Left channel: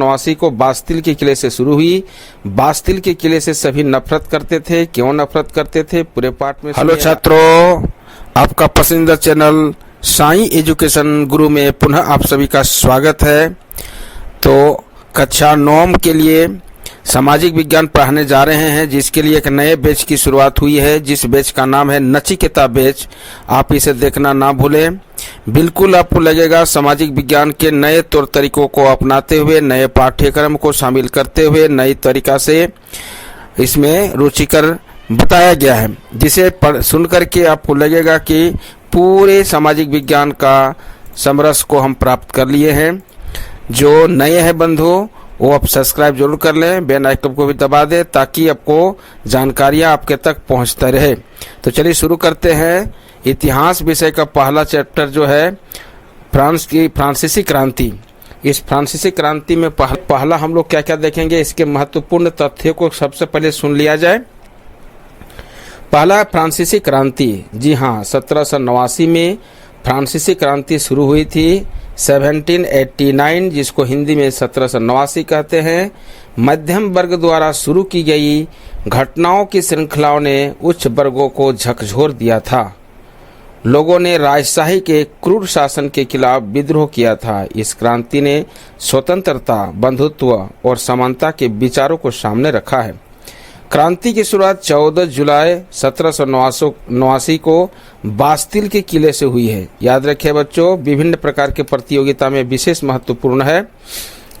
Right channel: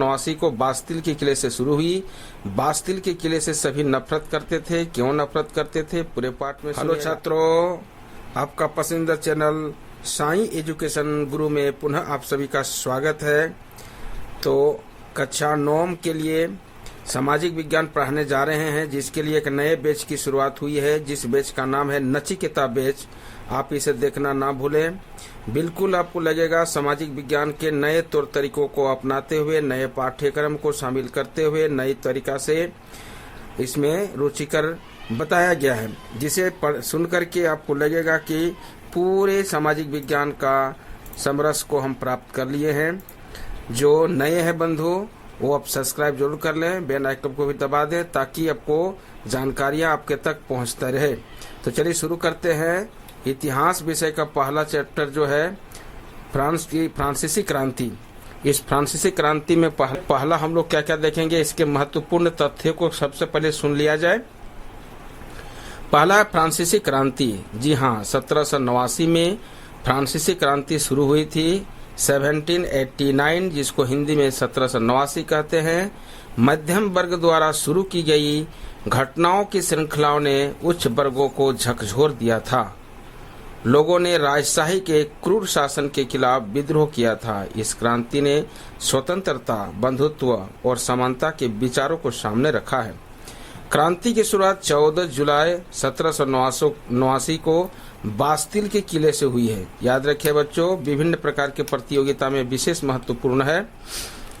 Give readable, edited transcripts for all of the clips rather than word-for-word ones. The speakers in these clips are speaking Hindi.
नवासी को बास्तिल के किले से शुरू हुई। बास्तिल के किले से सभी नफरत करते थे। क्यों नफरत करते थे, पूरे पाठ में। हेलो छात्रों, आपका पसंदीदा चैनल साईं एजुकेशन गुरु में पुनः आप सभी का स्वागत है। तो कक्षा 9 के लिए सामाजिक विज्ञान पढ़ाने जा रहे हैं, जिसके लिए एक नए बैच की शुरुआत हुई है, जिस बैच का नाम है नचिकेता बैच। आप इसे देखना ना भूलें। बिल्कुल आपको लगेगा सामाजिक विज्ञान के नए तौर तरीकों को अपनाते हुए, नए पाठ्यक्रम को शामिल करते हुए, नई तरीका से इसमें रुचिकर बताया गया है, जिसे सुन करके आपको लगेगा कि पूरे सामाजिक विज्ञान का समरस को हम प्राप्त कर लिए हैं। जो नए हैं बंधु, वो आप सब्सक्राइब जरूर कर लें, बेल आइकन को भी दबा दें, ताकि आपको जानकारियां आपके तक पहुंचता रहे। तो चलिए शुरू करते हैं। इतिहास विषय का पहला चैप्टर जो है फ्रांसीसी क्रांति। इस फ्रांसीसी क्रांति में पहला हम लोग क्या क्या देखेंगे, इसके महत्वपूर्ण तथ्यों को सबसे पहले सुन लिया जाए। पहला फ्रांसीसी क्रांति, जी हाँ, 1789 में फ्रांसीसी क्रांति शुरू हुई थी। 1789, जिसको हिंदी में 1789 कहते हैं, मध्यम वर्ग द्वारा शुरू की गई घटनाओं की श्रृंखलाओं ने उच्च वर्गों को झकझोर दिया था। लोगों ने राजशाही के क्रूर शासन के खिलाफ विद्रोह किया था। इस क्रांति ने स्वतंत्रता, बंधुत्व और समानता के विचारों को सामने रखा है। क्रांति की शुरुआत 14 जुलाई 1789 को बास्तिल के किले से हुई है। याद रखिए बच्चों, विभिन्न प्रकार के प्रतियोगिता में विशेष महत्वपूर्ण है,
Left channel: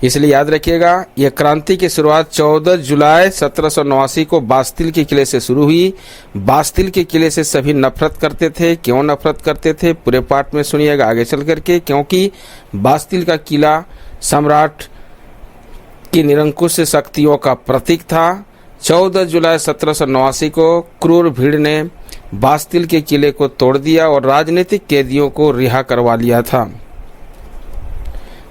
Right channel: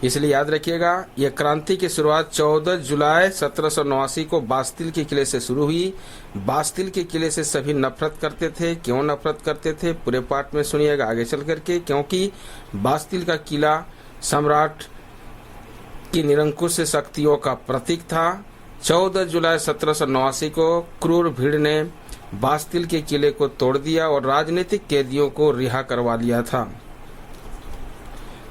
इसलिए याद रखिएगा। यह क्रांति की शुरुआत 14 जुलाई 1789 को बास्तिल के किले से शुरू हुई। बास्तिल के किले से सभी नफरत करते थे। क्यों नफरत करते थे, पूरे पाठ में सुनिएगा आगे चल करके। क्योंकि बास्तिल का किला सम्राट की निरंकुश शक्तियों का प्रतीक था। 14 जुलाई 1789 को क्रूर भीड़ ने बास्तिल के किले को तोड़ दिया और राजनीतिक कैदियों को रिहा करवा लिया था।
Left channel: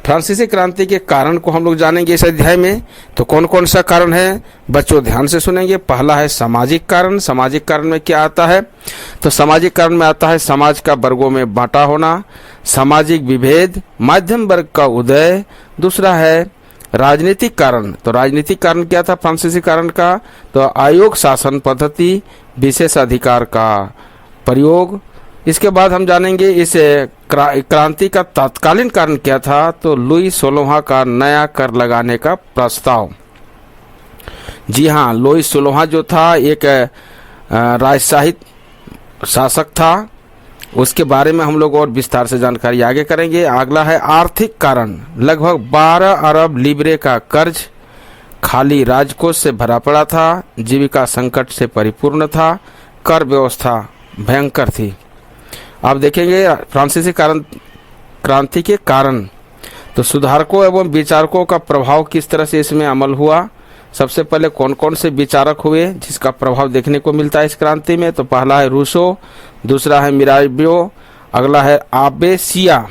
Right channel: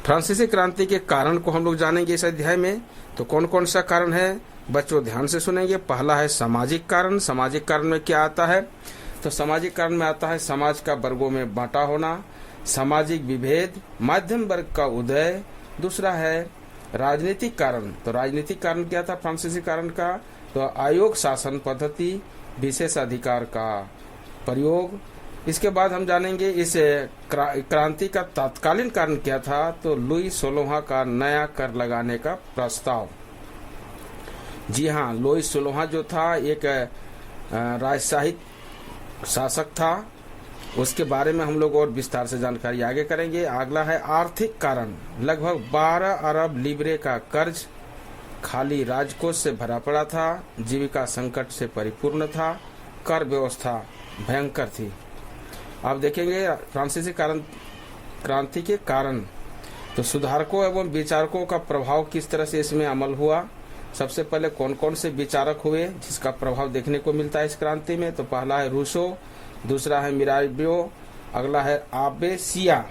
फ्रांसीसी क्रांति के कारण को हम लोग जानेंगे इस अध्याय में। तो कौन कौन सा कारण है बच्चों, ध्यान से सुनेंगे। पहला है सामाजिक कारण। सामाजिक कारण में क्या आता है, तो सामाजिक कारण में आता है समाज का वर्गों में बांटा होना, सामाजिक विभेद, मध्यम वर्ग का उदय। दूसरा है राजनीतिक कारण। तो राजनीतिक कारण क्या था फ्रांसीसी कारण का, तो आयोग शासन पद्धति, विशेष अधिकार का प्रयोग। इसके बाद हम जानेंगे इस क्रांति का तत्कालीन कारण क्या था, तो लुई 16वां का नया कर लगाने का प्रस्ताव। जी हाँ, लुई 16वां जो था एक राजशाही शासक था। उसके बारे में हम लोग और विस्तार से जानकारी आगे करेंगे। अगला है आर्थिक कारण। लगभग 12 अरब लिब्रे का कर्ज खाली राजकोष से भरा पड़ा था। जीविका संकट से परिपूर्ण था। कर व्यवस्था भयंकर थी। आप देखेंगे फ्रांसीसी क्रांति के कारण, तो सुधारकों एवं विचारकों का प्रभाव किस तरह से इसमें अमल हुआ। सबसे पहले कौन कौन से विचारक हुए जिसका प्रभाव देखने को मिलता है इस क्रांति में, तो पहला है रूसो, दूसरा है मिराबियो, अगला है आबे सिया।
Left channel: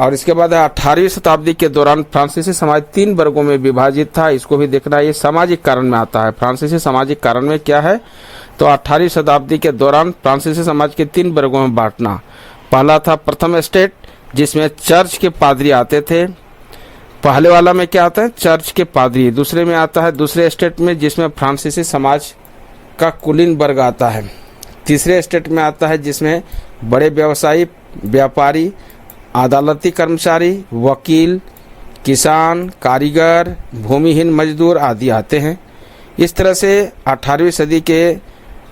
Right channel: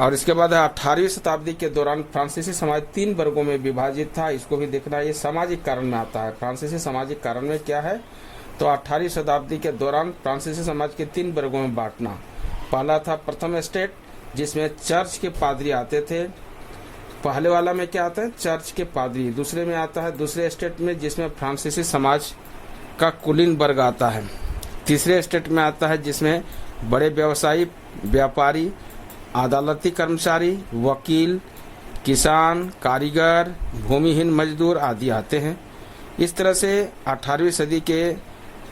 और इसके बाद 18वीं शताब्दी के दौरान फ्रांसीसी समाज 3 वर्गों में विभाजित था। इसको भी देखना, ये सामाजिक कारण में आता है। फ्रांसीसी सामाजिक कारण में क्या है, तो 18वीं शताब्दी के दौरान फ्रांसीसी समाज के 3 वर्गों में बांटना। पहला था प्रथम स्टेट, जिसमें चर्च के पादरी आते थे। पहले वाला में क्या आता है, चर्च के पादरी। दूसरे में आता है दूसरे स्टेट में, जिसमें फ्रांसीसी समाज का कुलीन वर्ग आता है। तीसरे स्टेट में आता है जिसमें बड़े व्यवसायी, व्यापारी, अदालती कर्मचारी, वकील, किसान, कारीगर, भूमिहीन मजदूर आदि आते हैं। इस तरह से 18वीं सदी के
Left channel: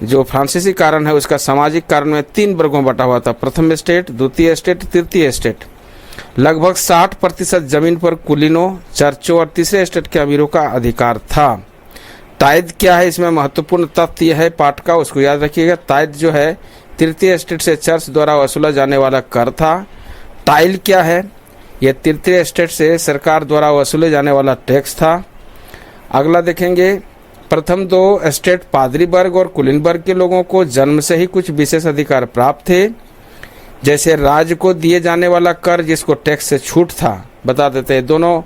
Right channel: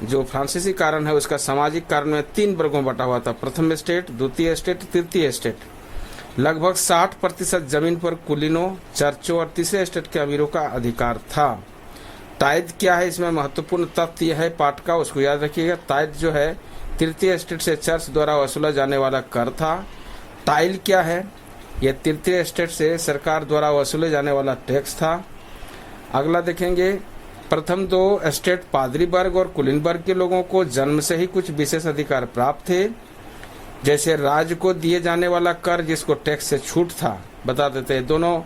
जो फ्रांसीसी कारण है, उसका सामाजिक कारण में 3 वर्गों में बटा हुआ था। प्रथम स्टेट, द्वितीय स्टेट, तृतीय स्टेट। लगभग 60% जमीन पर कुलीनों, चर्चों और तीसरे स्टेट के अमीरों का अधिकार था। ताइद क्या है, इसमें महत्वपूर्ण तथ्य यह है पाठ का, उसको याद रखिएगा। ताइद जो है तृतीय स्टेट से चर्च द्वारा वसूला जाने वाला कर था। टाइल क्या है, यह तृतीय स्टेट से सरकार द्वारा वसूले जाने वाला टैक्स था। अगला देखेंगे, प्रथम 2 स्टेट पादरी वर्ग और कुलीन वर्ग के लोगों को जन्म से ही कुछ विशेष अधिकार प्राप्त थे, जैसे राज्य को दिए जाने वाला कर जिसको टैक्स से छूट था। बता देते हैं दोनों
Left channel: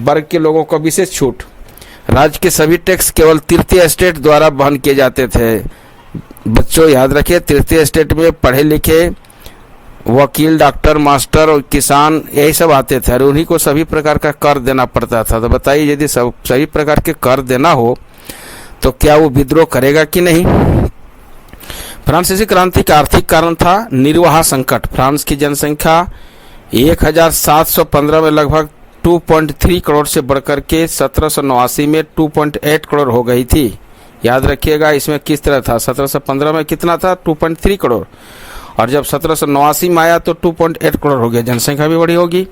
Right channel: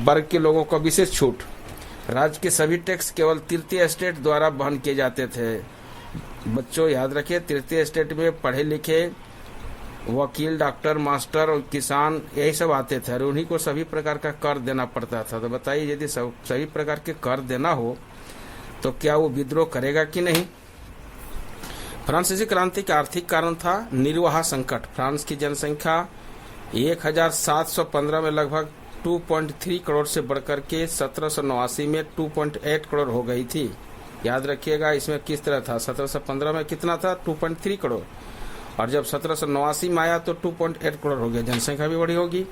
वर्ग के लोगों को विशेष छूट। राज्य के सभी टैक्स केवल तृतीय स्टेट द्वारा वहन किए जाते थे। बच्चों याद रखिए, तृतीय स्टेट में पढ़े लिखे वकील, डॉक्टर, मास्टर और किसान यही सब आते थे और उन्हीं को सभी प्रकार का कर देना पड़ता था। तो बताइए, यदि सभी प्रकार के कर देना हो तो क्या वो विद्रोह करेगा कि नहीं। फ्रांसीसी क्रांति का आर्थिक कारण था निर्वाह संकट। फ्रांस की जनसंख्या 1715 में लगभग 2.3 करोड़ से बढ़कर के 1789 में 2.8 करोड़ हो गई थी। याद रखिएगा इसमें किस तरह था, 1715 में कितना था, 2.3 करोड़, और जब 1789 में आया तो 2.8 करोड़ हो गया। जनसंख्या भी बड़ी होगी।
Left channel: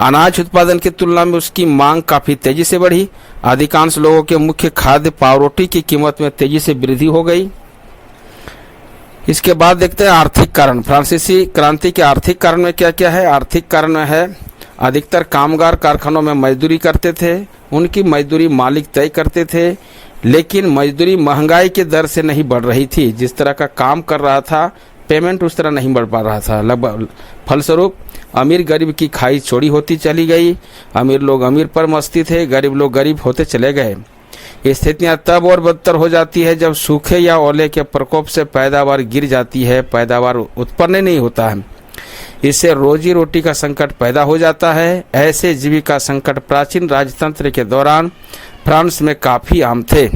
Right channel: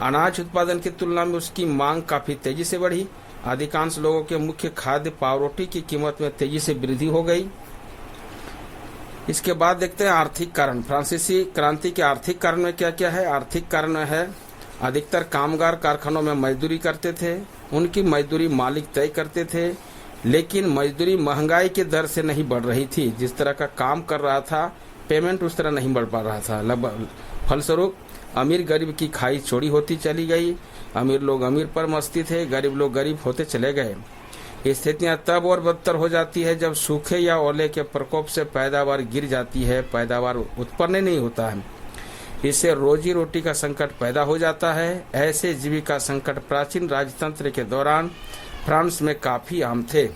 अनाज उत्पादन की तुलना में उसकी मांग काफी तेजी से बढ़ी। अधिकांश लोगों के मुख्य खाद्य पावरोटी की कीमत में तेजी से वृद्धि हो गई। इसके बाद देखते हैं आर्थिक कारण। फ्रांसीसी क्रांति के आर्थिक कारण में क्या क्या है। आर्थिक कारण में है अधिकतर कामगार कारखानों में मजदूरी करते थे। उनकी मजदूरी मालिक तय करते थे, लेकिन मजदूरी महंगाई के दर से नहीं बढ़ रही थी। जिस तरह का काम कर रहा था पेमेंट उस तरह नहीं बढ़ पा रहा था। लगभग फलस्वरूप अमीर गरीब की खाई चौड़ी होती चली गई। अमीर लोग अमीर पर मस्ती थे, गरीब लोग गरीब होते चले गए। स्थितियां तब और बदतर हो जाती है जब सूखे या ओले के प्रकोप से पैदावार गिर जाती है, पैदावार उत्पन्न नहीं होता है। इससे रोजी रोटी का संकट पैदा हो जाता है। ऐसे जीविका संकट प्राचीन राजतंत्र के दौरान फ्रांस में काफी आम थे।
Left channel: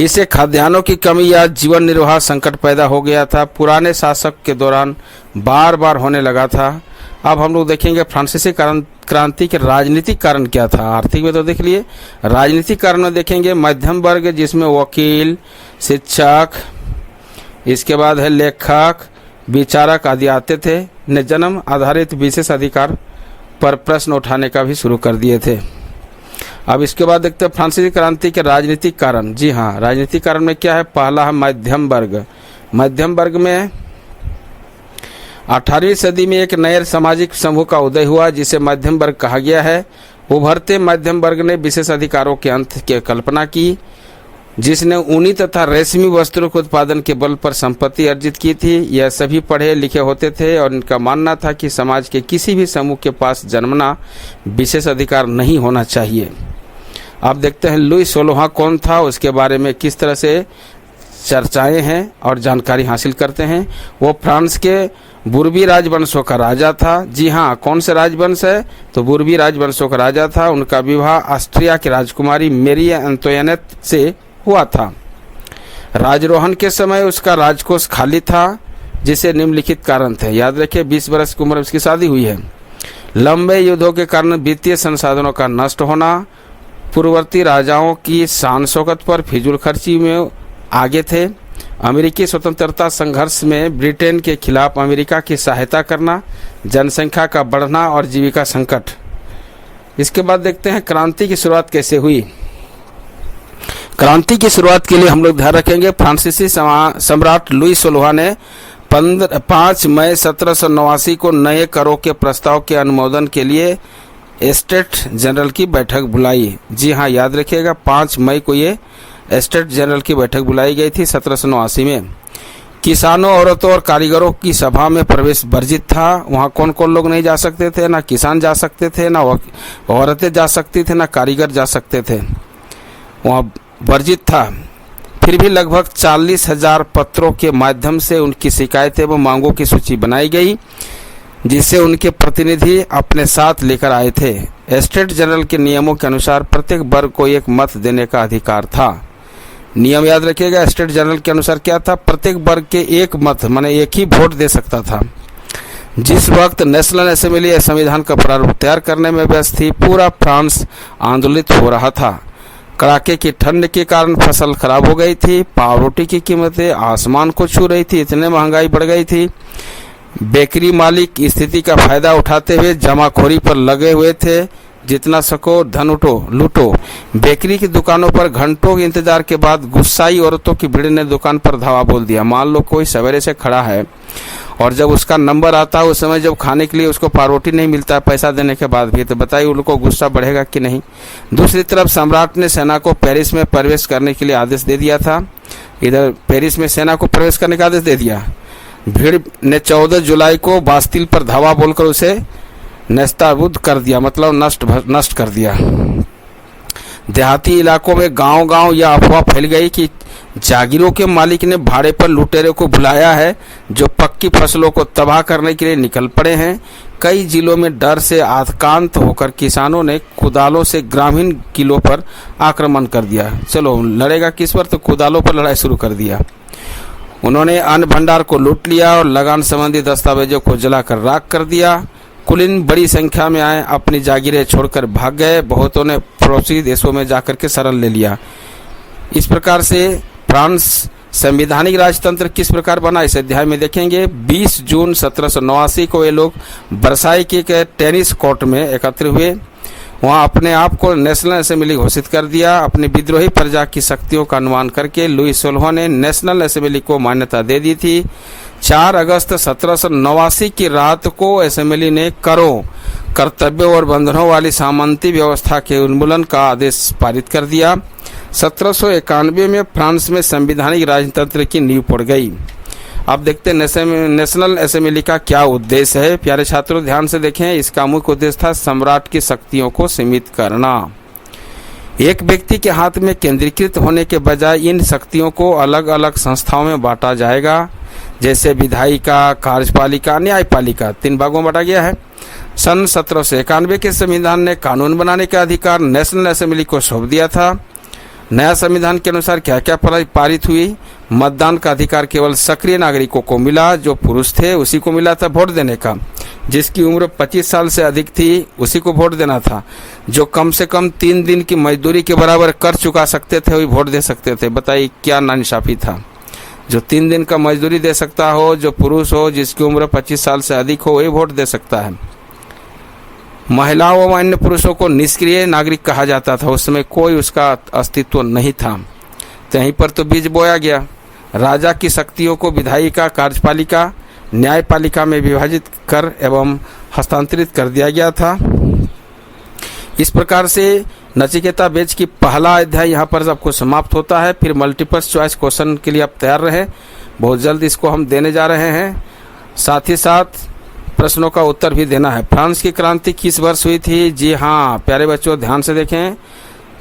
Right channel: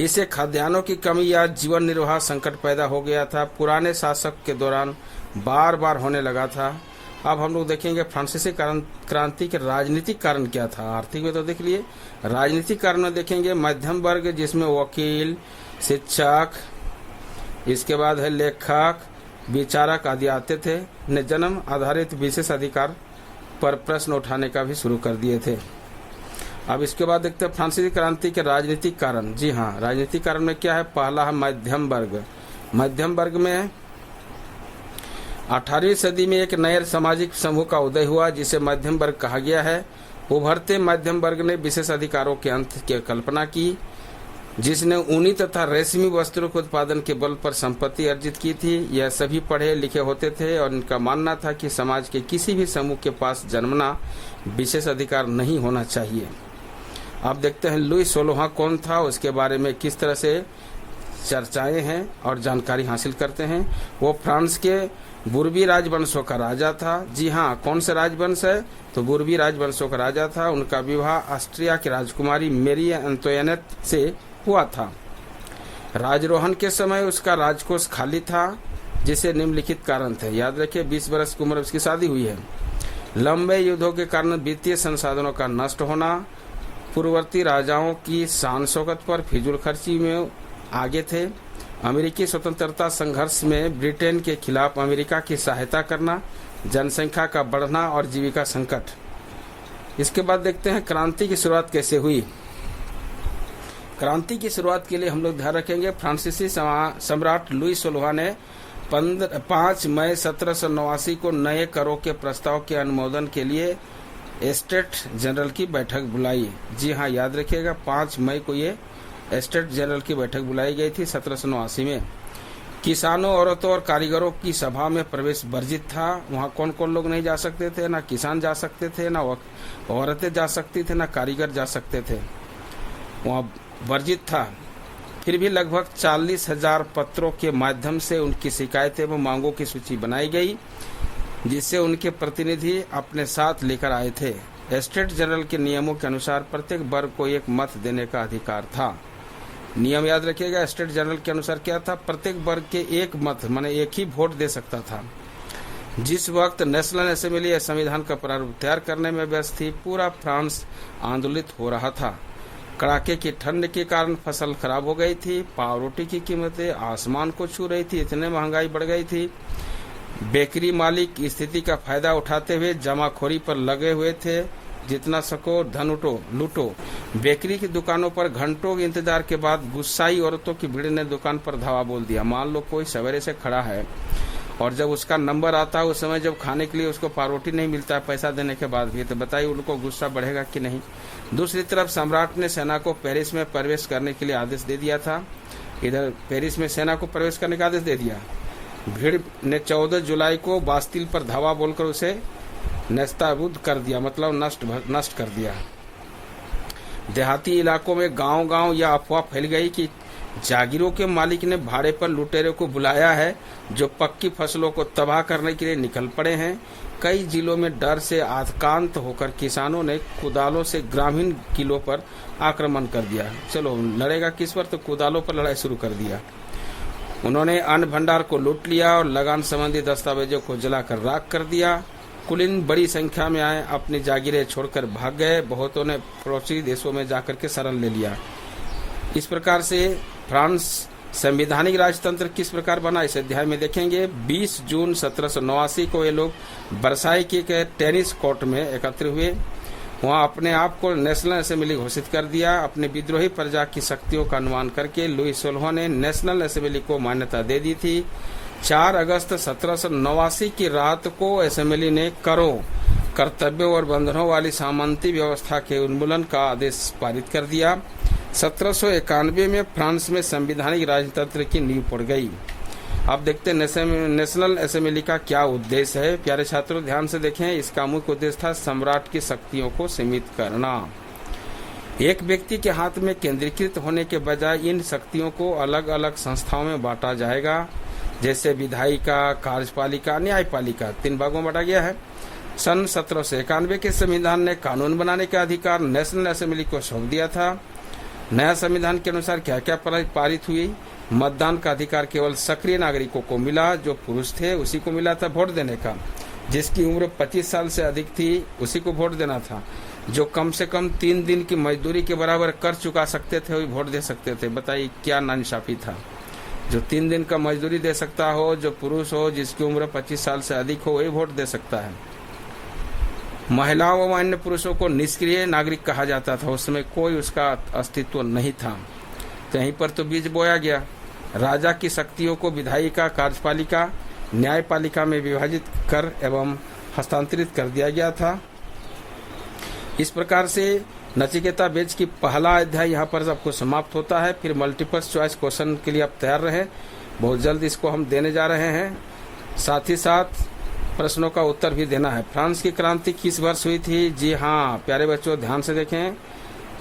इससे खाद्यान्नों की कमी या जीवन निर्वाह संकट पैदा हो गया था। पुराने शासक के दौरान बार बार होने लगा था। अब हम लोग देखेंगे फ्रांसीसी क्रांति के राजनीतिक कारण क्या था। आर्थिक में तो देख लिए, राजनीतिक कारण में देखेंगे मध्यम वर्ग जिसमें वकील, शिक्षक, इसके बाद है लेखक, विचारक आदि आते थे, ने जन्म आधारित विशेष अधिकार पर प्रश्न उठाने का भी शुरू कर दिए थे। अब इसके बाद देखते हैं फ्रांसीसी क्रांति के राजनीतिक कारण। जी हाँ, राजनीतिक कारण में क्या है। पहला है मध्यम वर्ग। मध्यम वर्ग में 18वीं सदी में एक नए सामाजिक समूह का उदय हुआ जिसे मध्यम वर्ग कहा गया है। उभरते मध्यम वर्ग ने विशेष अधिकारों के अंत की कल्पना की, जिसने ऊनी तथा रेशमी वस्त्रों के उत्पादन के बल पर संपत्ति अर्जित की थी। यह सभी पढ़े लिखे होते थे और इनका मानना था कि समाज के किसी भी समूह के पास जन्मना विशेष अधिकार नहीं होना चाहिए। अब देखते हैं लुई 16वां कौन था, उसके बारे में किस तरह से चर्चाएं हैं और जानकारी हासिल करते हैं। वो फ्रांस के बुर्बी राजवंशों का राजा था। जी हाँ, कौन से राजवंश है, तो बुर्बी राजवंशों का राजा था। उनका विवाह ऑस्ट्रिया की राजकुमारी मेरी एंतोइनेट से हुआ था। राजरोहण के समय उसका राजकोष खाली था, जिसे निम्नलिखित कारण थे। याद रखिए 20 वर्ष की उम्र में उसकी शादी हुई है। लंबे युद्धों के कारण वित्तीय संसाधनों का नष्ट होना, पूर्ववर्ती राजाओं की शान शौकत पर फिजूल खर्ची में आगे थे। अमेरिकी स्वतंत्रता संघर्ष में ब्रिटेन के खिलाफ अमेरिका की सहायता करना, जनसंख्या का बढ़ना और जीविका संकट। इसके बाद देखते हैं क्रांति की शुरुआत कैसे हुई। क्रांति की शुरुआत के लिए हम लोग ध्यान रखेंगे फ्रांसीसी सम्राट लुई 16वां ने 5 मई 1789 को नए करों के प्रस्ताव के अनुमोदन के लिए स्टेट जनरल की बैठक बुलाई। जी हाँ, याद रखिएगा 5 मई को ये स्टेट जनरल की बैठक बुलाई गई थी 1789 में। किसानों, औरतों और कारीगरों की सभा में प्रवेश वर्जित था। वहाँ कौन कौन लोग नहीं जा सकते थे, ना किसान जा सकते थे, ना औरतें जा सकती थे, ना कारीगर जा सकते थे, वहाँ वर्जित था। फिर भी लगभग 40,000 पत्रों के माध्यम से उनकी शिकायतें व मांगों की सूची बनाई गई, जिसे उनके प्रतिनिधि अपने साथ लेकर आए थे। स्टेट जनरल के नियमों के अनुसार प्रत्येक वर्ग को एक मत देने का अधिकार था। नियम याद रखिएगा, स्टेट जनरल के अनुसार क्या था, प्रत्येक वर्ग के एक मत माने एक ही वोट दे सकता था। जिस वक्त नेशनल असेंबली संविधान का प्रारूप तैयार करने में व्यस्त थी, पूरा फ्रांस आंदोलित हो रहा था। कड़ाके की ठंड के कारण फसल खराब हो गई थी, पावरोटी की कीमतें आसमान को छू रही थी, इतने महंगाई बढ़ गई थी। बेकरी मालिक स्थिति का फायदा उठाते हुए जमाखोरी पर लगे हुए थे। जितना सको धन लूटो। बेकरी की दुकानों पर घंटों के इंतजार के बाद गुस्साई औरतों की भीड़ ने दुकान पर धावा बोल दिया। मान लो कोई सवेरे से खड़ा है और जब उसका नंबर आता है उस समय जब खाने के लिए उसको पावरोटी नहीं मिलता है पैसा देने के बाद भी, तो बताइए उनको गुस्सा बढ़ेगा कि नहीं। दूसरी तरफ सम्राट ने सेना को पेरिस में प्रवेश करने के लिए आदेश दे दिया था। इधर पेरिस में सेना को प्रवेश करने का आदेश दे दिया। भीड़ ने 14 जुलाई को बास्तिल पर धावा बोलकर उसे नेस्ताबूद कर दिया, मतलब नष्ट कर दिया। देहाती इलाकों में गांव-गांव यह अफवाह फैल गई कि जागीरों के मालिक ने भाड़े पर लुटेरे को बुलाया है जो पक्की फसलों को तबाह करने के लिए निकल पड़े हैं। कई जिलों में डर से आक्रांत होकर किसानों ने कुदालों से ग्रामीण किलों पर आक्रमण कर दिया। चलो लड़ेगा किस पर, तो कुदालों पर लड़ाई शुरू कर दिया। उन्होंने अन्न भंडार को लूट लिया और लगान संबंधी दस्तावेजों को जलाकर राख कर दिया। कुलीन बड़ी संख्या में आए, अपनी जागीरें छोड़कर भाग गए। बहुतों ने पड़ोसी देशों में जाकर के शरण ले लिया। इस प्रकार से फ्रांस संवैधानिक राजतंत्र किस प्रकार बना, इस अध्याय में देखेंगे। 20 जून 1789 को ये लोग वर्साई के टेनिस कोर्ट में एकत्र हुए। वहाँ अपने आप को नेशनल असेंबली घोषित कर दिया। अपनी विद्रोही प्रजा की शक्तियों का अनुमान करके लुई 16 ने नेशनल असेंबली को मान्यता दे दी थी। 4 अगस्त 1789 की रात को असेंबली ने करों, कर्तव्यों और बंधनों वाली सामंती व्यवस्था के उन्मूलन का आदेश पारित कर दिया। 1791 में फ्रांस में संवैधानिक राजतंत्र की नींव पड़ गई। अब देखते हैं नेशनल असेंबली का क्या उद्देश्य है। प्यारे छात्रों ध्यान से देखें, इसका मुख्य उद्देश्य था सम्राट की शक्तियों को सीमित करना। एक व्यक्ति के हाथ में केंद्रीकृत होने के बजाय इन शक्तियों को अलग अलग संस्थाओं में बांटा जाएगा, जैसे विधायिका, कार्यपालिका, न्यायपालिका 3 भागों में बांटा गया है। सन 1791 के संविधान ने कानून बनाने का अधिकार नेशनल असेंबली को सौंप दिया था। नया संविधान के अनुसार क्या क्या पारित हुई। मतदान का अधिकार केवल सक्रिय नागरिकों को मिला। जो पुरुष थे उसी को मिला था वोट देने का। जिसकी उम्र 25 साल से अधिक थी उसी को वोट देना था। जो कम से कम 3 दिन की मजदूरी के बराबर कर चुका सकते थे वही वोट दे सकते थे। बताइए क्या नाइंसाफी था। जो 3 दिन का मजदूरी दे सकता हो, जो पुरुष हो, जिसकी उम्र 25 साल से अधिक हो, वही वोट दे सकता है। महिलाओं व अन्य पुरुषों को निष्क्रिय नागरिक कहा जाता था। उस समय कोई उसका अस्तित्व नहीं था। तो यहीं पर तो बीज बोया गया। राजा की शक्तियों को विधायिका, कार्यपालिका, न्यायपालिका में विभाजित कर एवं हस्तांतरित कर दिया गया था। इस प्रकार से नचिकेता बेच की पहला अध्याय यहाँ पर आपको समाप्त होता है। फिर मल्टीपल चॉइस क्वेश्चन के लिए आप तैयार रहे, बहुत जल्द इसको हम देने जा रहे हैं। साथ ही साथ प्रश्नों का उत्तर भी देना है। फ्रांस की क्रांति किस वर्ष हुई थी? जी हाँ प्यारे बच्चों ध्यान से देखें,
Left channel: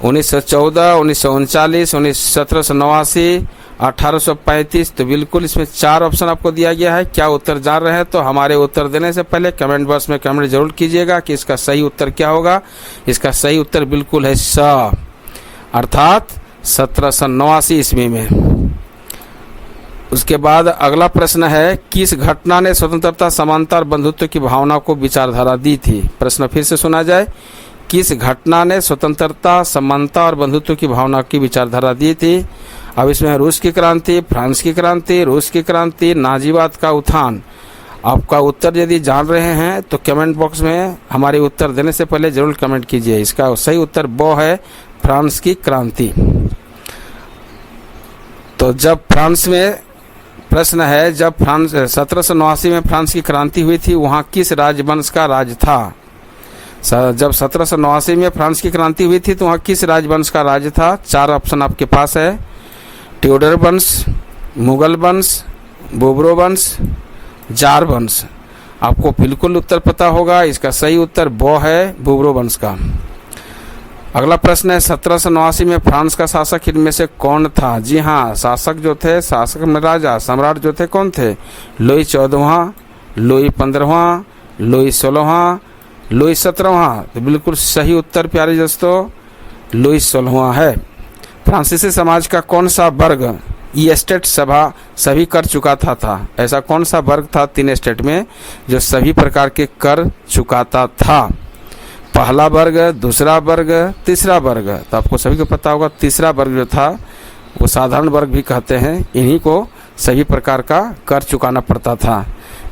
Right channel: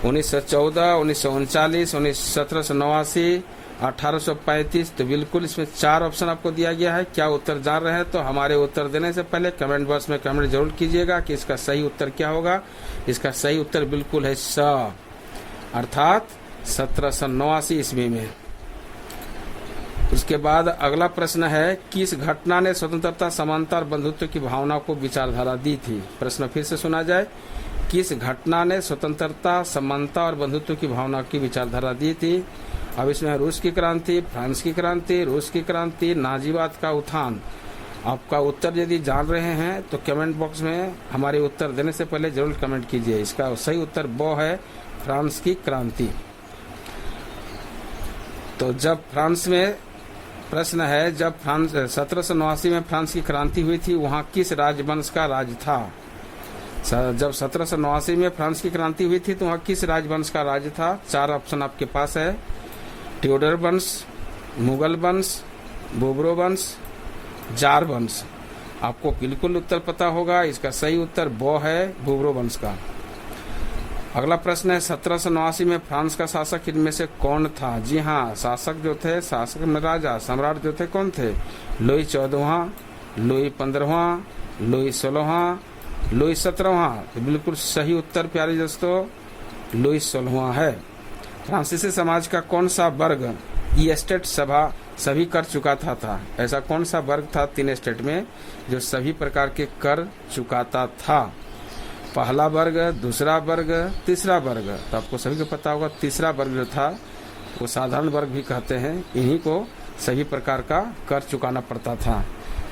1914, 1939, 1789, 1835। तो बिल्कुल इसमें 4 ऑप्शन आपको दिया गया है। क्या उत्तर जान रहे हैं तो हमारे उत्तर देने से पहले कमेंट बॉक्स में कमेंट जरूर कीजिएगा कि इसका सही उत्तर क्या होगा। इसका सही उत्तर बिल्कुल है स, अर्थात 1789 ईस्वी में। उसके बाद अगला प्रश्न है, किस घटना ने स्वतंत्रता, समानता और बंधुत्व की भावना को विचारधारा दी थी? प्रश्न फिर से सुना जाए, किस घटना ने स्वतंत्रता, समानता और बंधुत्व की भावना की विचारधारा दी थी? अब इसमें रूस की क्रांति, फ्रांस की क्रांति, रूस की क्रांति, नाजीवाद का उत्थान। आपका उत्तर यदि जान रहे हैं तो कमेंट बॉक्स में हमारे उत्तर देने से पहले जरूर कमेंट कीजिए। इसका सही उत्तर वो है फ्रांस की क्रांति। तो जब फ्रांस में प्रश्न है, जब फ्रांस 1789 में फ्रांस की क्रांति हुई थी वहाँ किस राजवंश का राज था? जब 1789 में फ्रांस की क्रांति हुई थी तो वहाँ किस राजवंश का राज था? 4 ऑप्शन आपके पास है, ट्यूडर वंश, मुगल वंश, बोबरो वंश, जार वंश। आपको बिल्कुल उत्तर पता होगा। इसका सही उत्तर वो है बोबरो वंश का। अगला प्रश्न है, 1789 में फ्रांस का शासक इनमें से कौन था? जी हाँ, शासक जो थे, शासक में राजा, सम्राट जो थे कौन थे? लुई 14वां, लुई 15वां, लुई 16वां, लुई 17वां। तो बिल्कुल सही उत्तर प्यारे दोस्तों लुई 16वां है। फ्रांसीसी समाज का कौन सा वर्ग ई स्टेट सभा सभी कर चुका था? ऐसा कौन सा वर्ग था 3 स्टेट में जो सभी प्रकार के कर चुकाता था? पहला वर्ग, दूसरा वर्ग, तीसरा वर्ग। तो आपको सभी को पता होगा तीसरा वर्ग जो था वो साधारण वर्ग भी कहते हैं। इन्हीं को सभी प्रकार का कर चुकाना पड़ता था।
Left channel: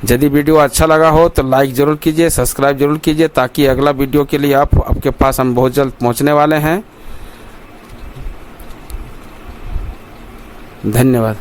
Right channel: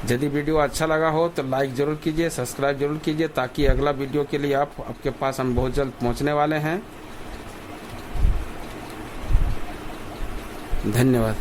यदि वीडियो अच्छा लगा हो तो लाइक जरूर कीजिए, सब्सक्राइब जरूर कीजिए, ताकि अगला वीडियो के लिए आपके पास हम बहुत जल्द पहुंचने वाले हैं। धन्यवाद।